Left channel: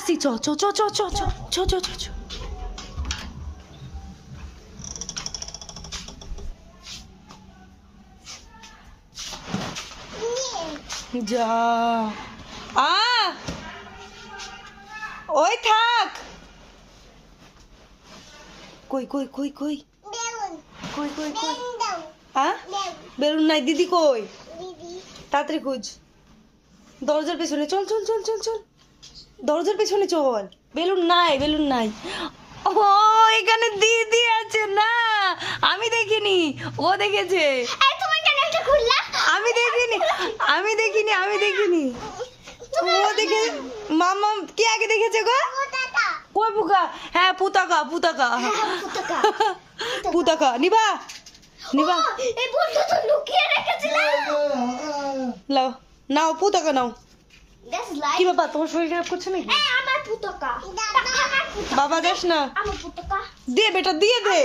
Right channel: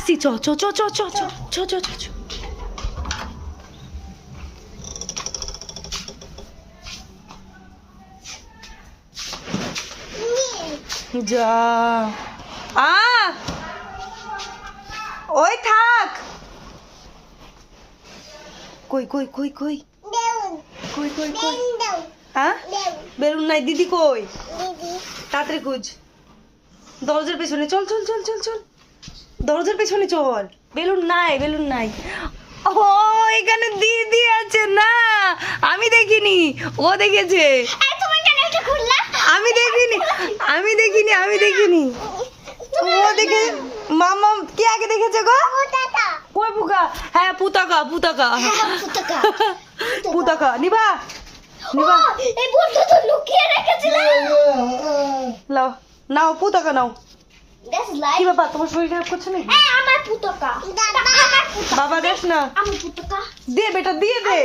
আসছি, চ চ চ চ চ চ চ চ চ। যা ওই থাক। কই কই কই কই কই কই কই বেলুন নাই দিদি কই? তাড়াতাড়ি খুঁজ। দরজার পেছনে চল চল চল চল চল, দরজার পেছনে চল। বেলুন নাই, বেলুন নাই। ও এখানে দিদি আছে না, আমি দেখিনি, ও দেখেছে। আমি দেখিনি, আমি দেখিনি, আমি দেখিনি, ও দেখে। মামা কে আগে দেখেছে গো? কই পুকা? হ্যাঁ পুতাকা, পুতাকা, পুতাকা। নিবা নিবা, লাও নাও পুতাকা নাও। কি বাবা তোমার শরীর খারাপ করছে নাকি? বাবা দেখ না, দে বেটা দিয়ে দে।